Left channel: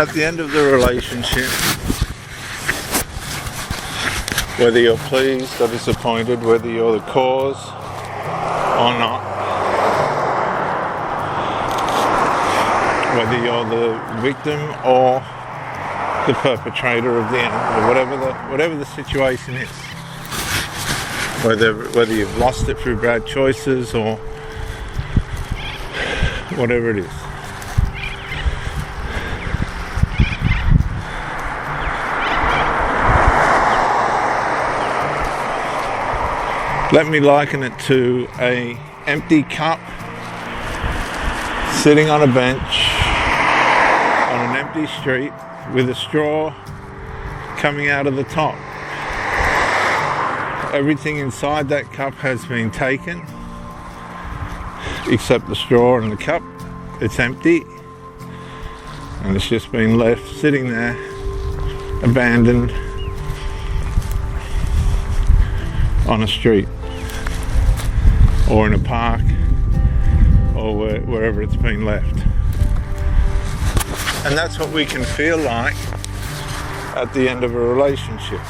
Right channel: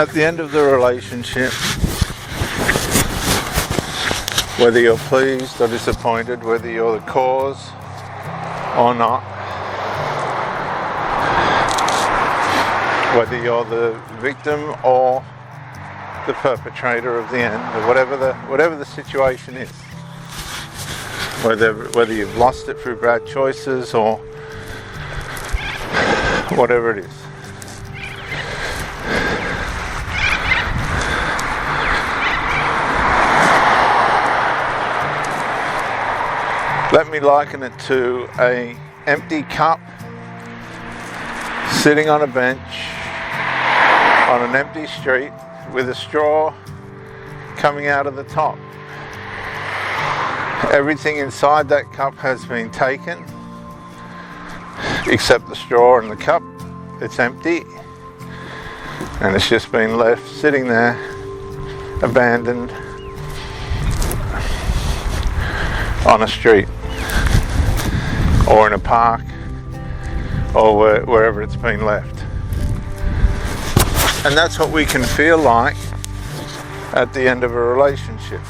At the end of the relationship, whether you're pleased or disappointed, whether you're the cause or not, whether you're the victim or the perpetrator of the end, or whatever the situation is, whether you've lost it through bad choices or whatever it is. Let me liken it to an empty cup sitting on a bench on an empty street with a straw coming out of the top. Everything inside that cup has been taken except the straw and the cup. It's empty and it's just been left sitting there, abandoned on a street or in a park or wherever it's been left. And that's what we can feel like at the end of a relationship.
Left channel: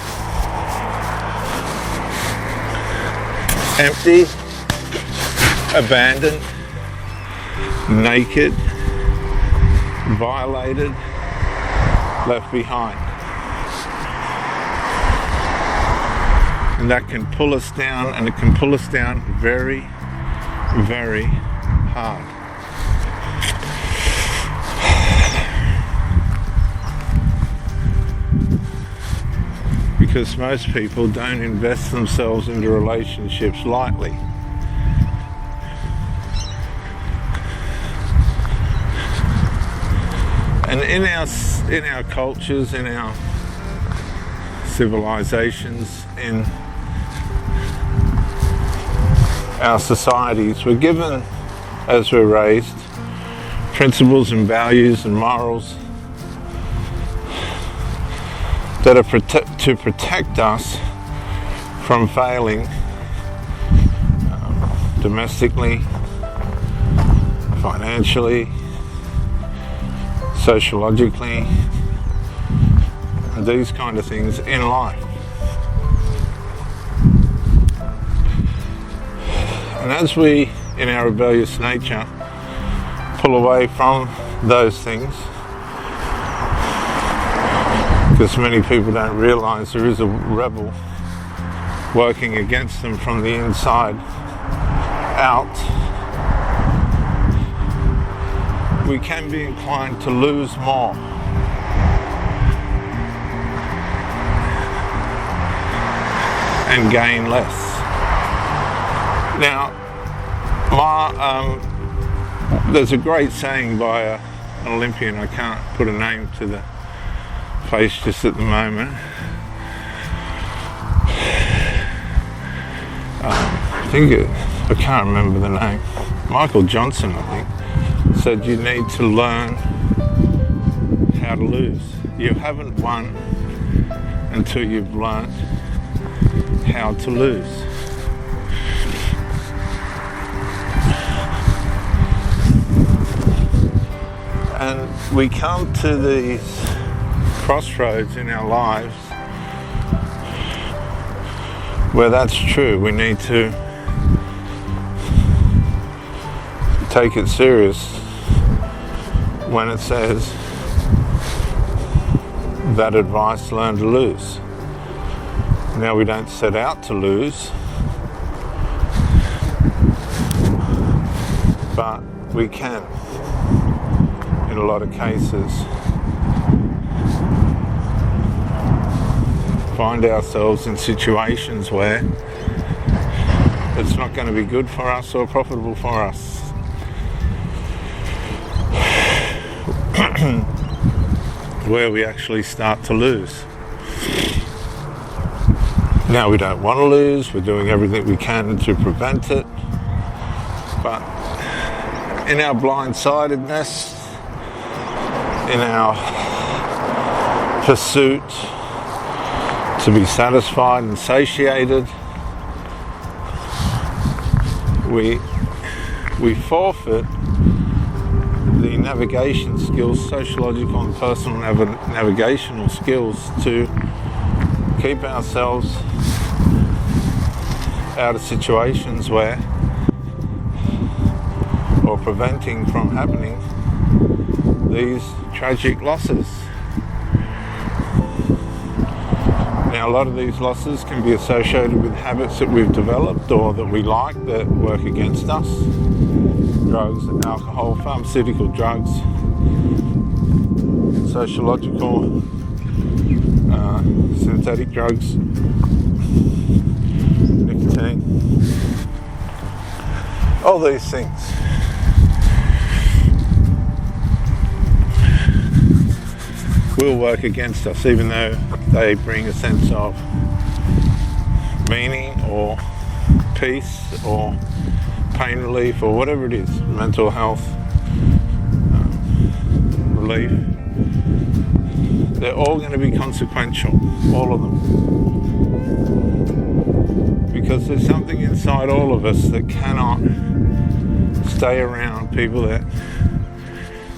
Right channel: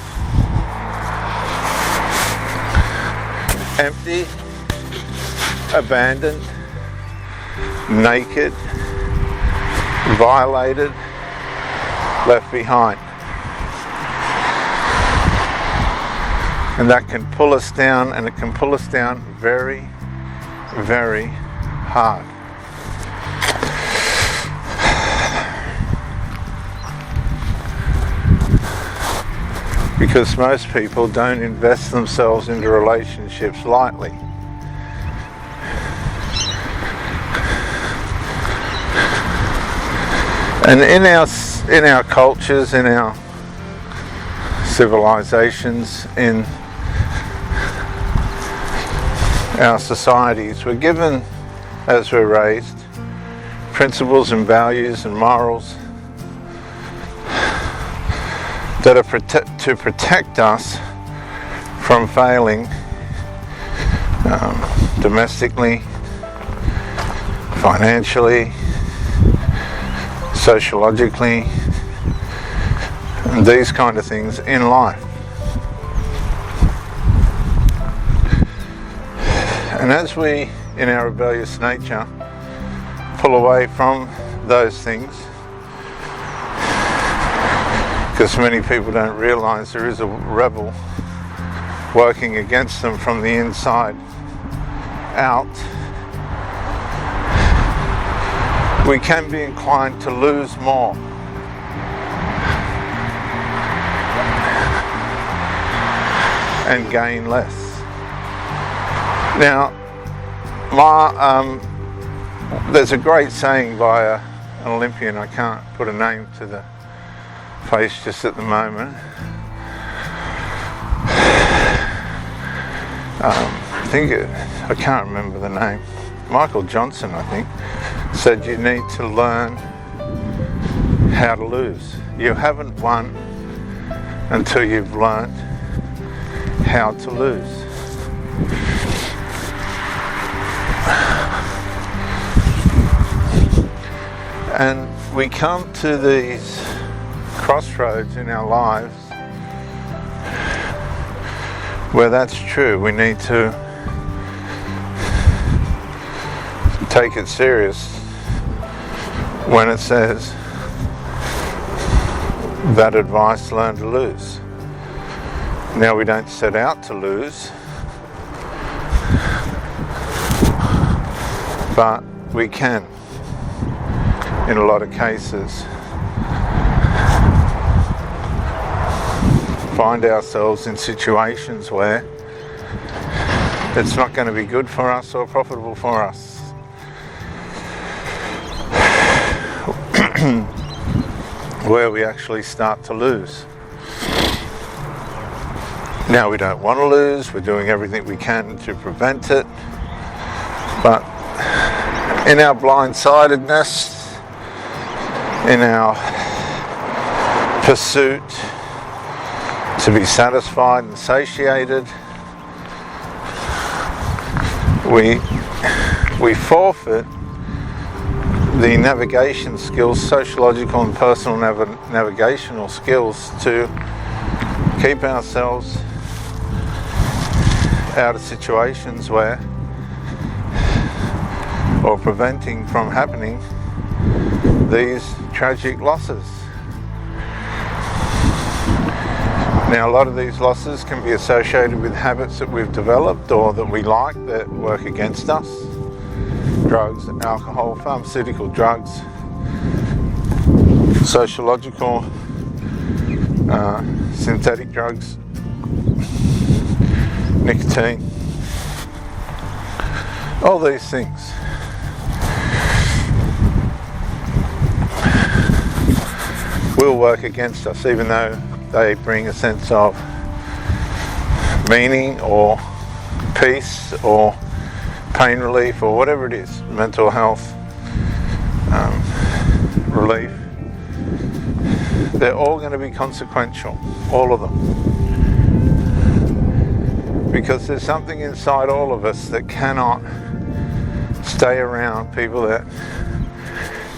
Empty, abandoned, naked, violated, left behind. And that can pull us down, and it can pull us down very, very hard. Because most people don't invest themselves into relationships lightly. And in our cultures, in our civilizations, in our societies, we're given, as we're raised, principles and values and morals that are to protect us from failing domestically, financially, sociologically, and these kind of things in life. And as we, in our rebellious nature, pull away from those things, because many people don't realize there is a rebel working against them from the inside out, we can be inclined to lose more. And gain less. Now, there's a great saying by an Olympian, I can't put a name to the place just at the moment. I can't remember the name. Michael Johnson, I think, said you need to learn how to lose. You haven't won until you've learned how to lose. And we come to these crossroads in our lives where that's true. We need to take it serious when it says that advice, learn to lose. Now, we don't set out to lose, but we can, in a lot of cases, find ourselves in situations where it's not going to be good for us or profitable for us. Where we actually start to lose. Now, we don't want to lose, we're doing everything we can to prevent it, but in our blindsidedness, in our pursuit to be satisfied and satiated, we forfeit the navigation skills, sociological and personal navigational skills to keep ourselves out of situations where, or preventing from happening, these tragic losses. Now, a lot of these losses can be associated with habits that we've developed or that we like that work against us. Drugs, alcohol, pharmaceutical drugs, sociological, synthetic drugs, nicotine, all these things. Will work against us, even though they bring a sense of meaning or peace or pain relief or whatever it is, mental health relief. They're all going to be consequential, all of them. Because there's something inside all of us that cannot stay around people that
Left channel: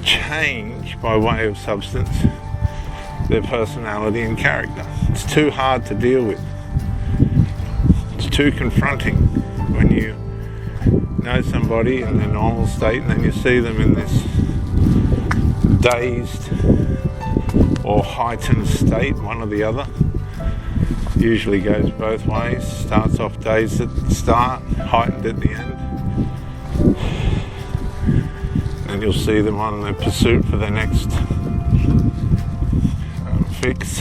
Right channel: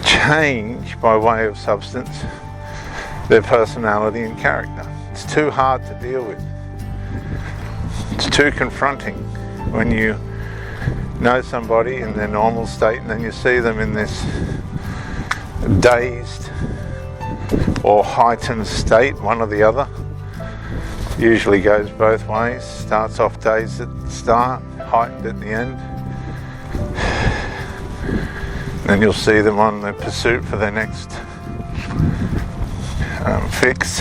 change by way of substance their personality and character. It's too hard to deal with. It's too confronting when you know somebody in their normal state and then you see them in this dazed or heightened state, one or the other. Usually goes both ways. Starts off dazed at the start, heightened at the end. Then you'll see them on the pursuit for their next fix,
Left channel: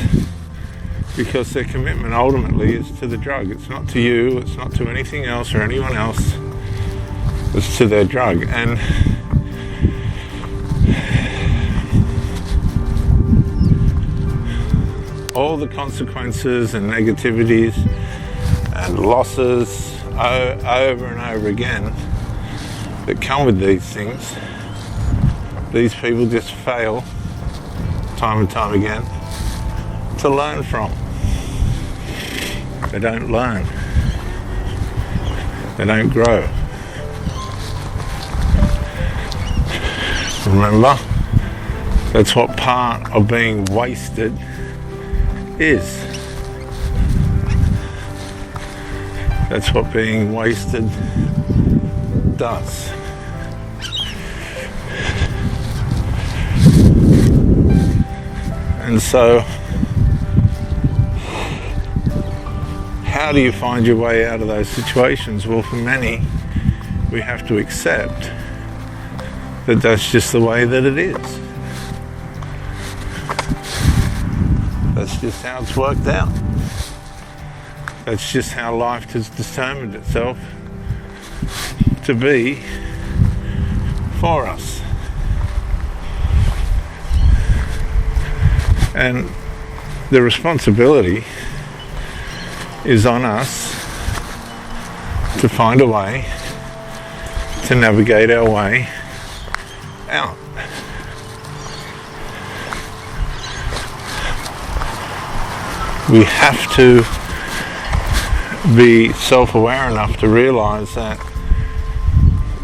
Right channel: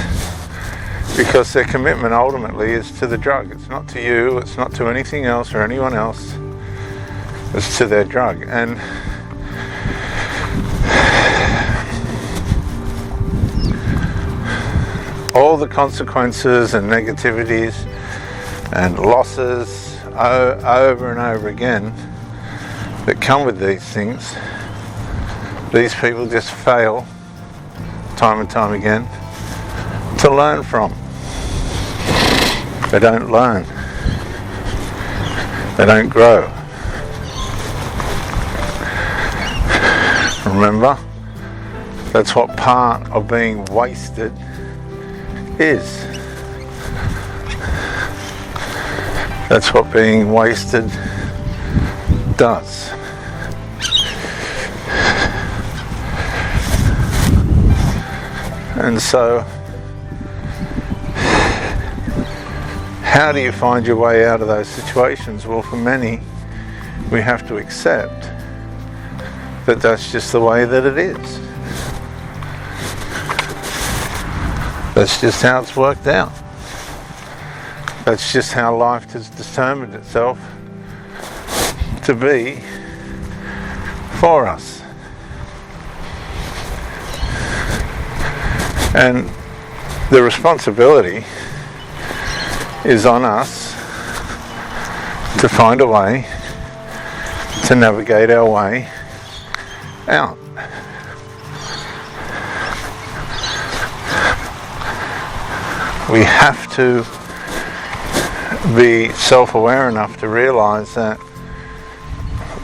because their commitment ultimately is to the drug. It's not to you, it's not to anything else or anyone else, it's to their drug. And all the consequences and negativities and losses over and over again that come with these things, these people just fail time and time again to learn from. They don't learn. They don't grow. Remember, that's what part of being wasted is. That's what being wasted does. And so, how do you find your way out of those situations? Well, for many, we have to accept that that's just the way that it is. That's just how it's worked out. That's just how life has determined itself to be for us. And the responsibility is on us to find a way to navigate our way out. We have to be self-aware enough to realize that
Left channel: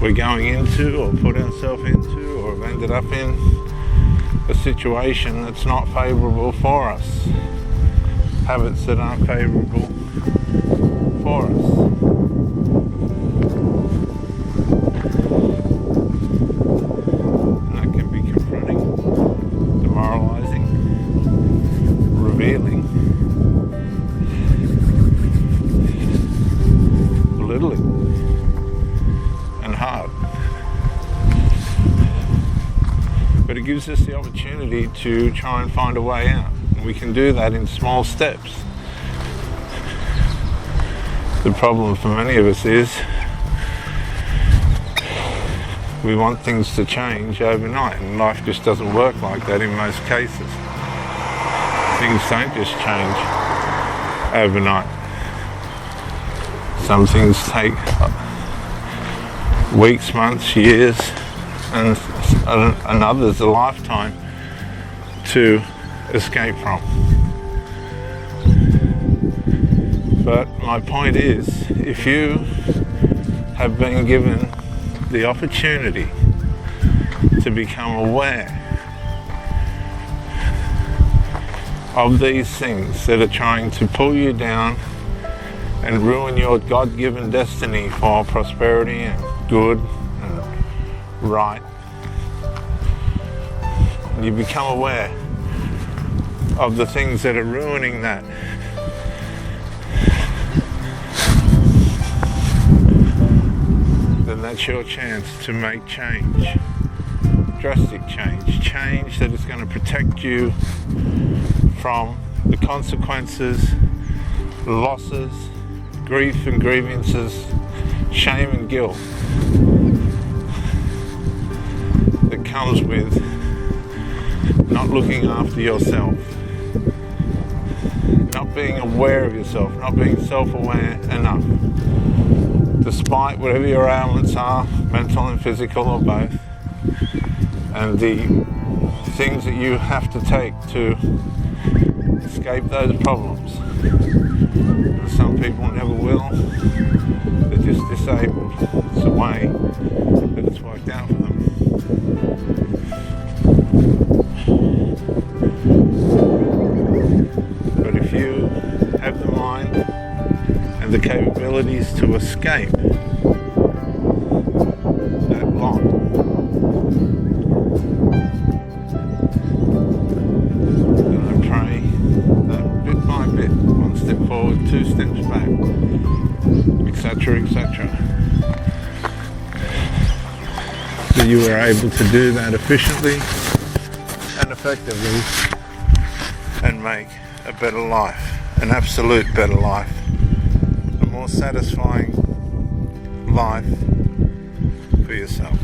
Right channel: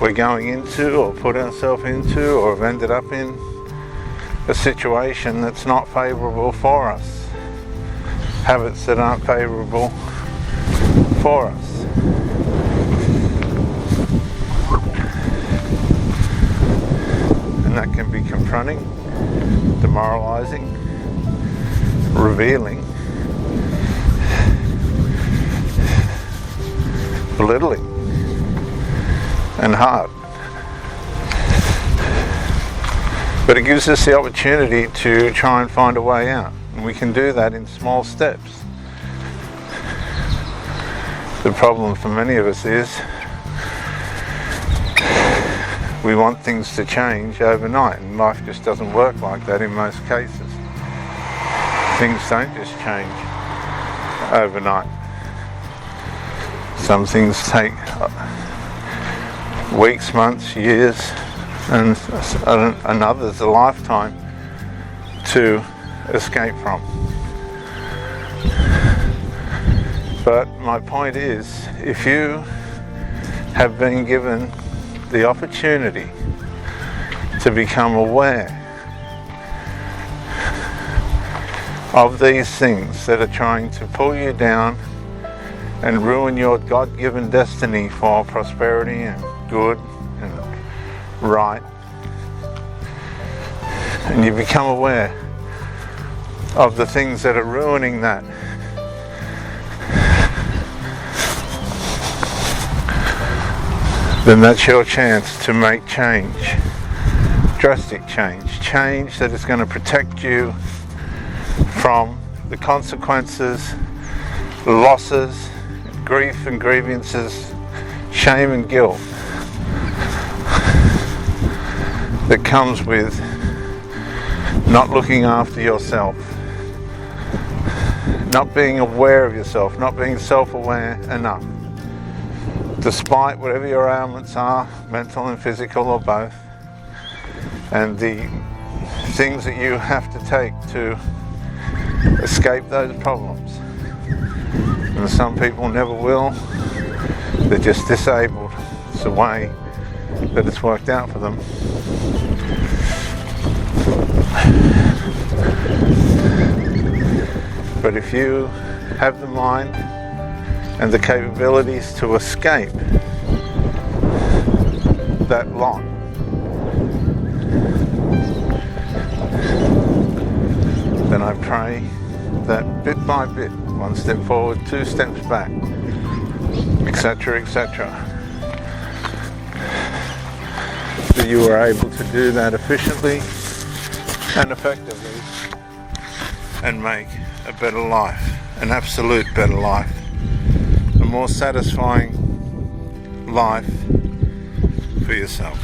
we're going into or put ourselves into or have ended up in a situation that's not favourable for us. Habits that aren't favourable for us. And that can be confronting, demoralising, revealing, belittling, and hard. But it gives us the opportunity to try and find a way out. And we can do that in small steps. The problem for many of us is we want things to change overnight, and life just doesn't work like that in most cases. Things don't just change overnight. Some things take weeks, months, years, and others a lifetime to escape from. But my point is, if you have been given the opportunity to become aware of these things that are trying to pull you down and ruin your God-given destiny for prosperity and good and right. And you become aware of the things that are ruining that. Then that's your chance to make change. Drastic change. Change that is going to protect you from the consequences, losses, grief and grievances, shame and guilt that comes with not looking after yourself, not being aware of yourself, not being self-aware enough, despite whatever your ailments are, mental and physical or both, and the things that you have to take to escape those problems. And some people never will. They're just disabled. It's the way that it's worked out for them. But if you have the mind and the capabilities to escape that lot, then I pray that bit by bit, one step forward, two steps back, etc., etc., that you are able to do that efficiently and effectively and make a better life, an absolute better life, a more satisfying life for yourself.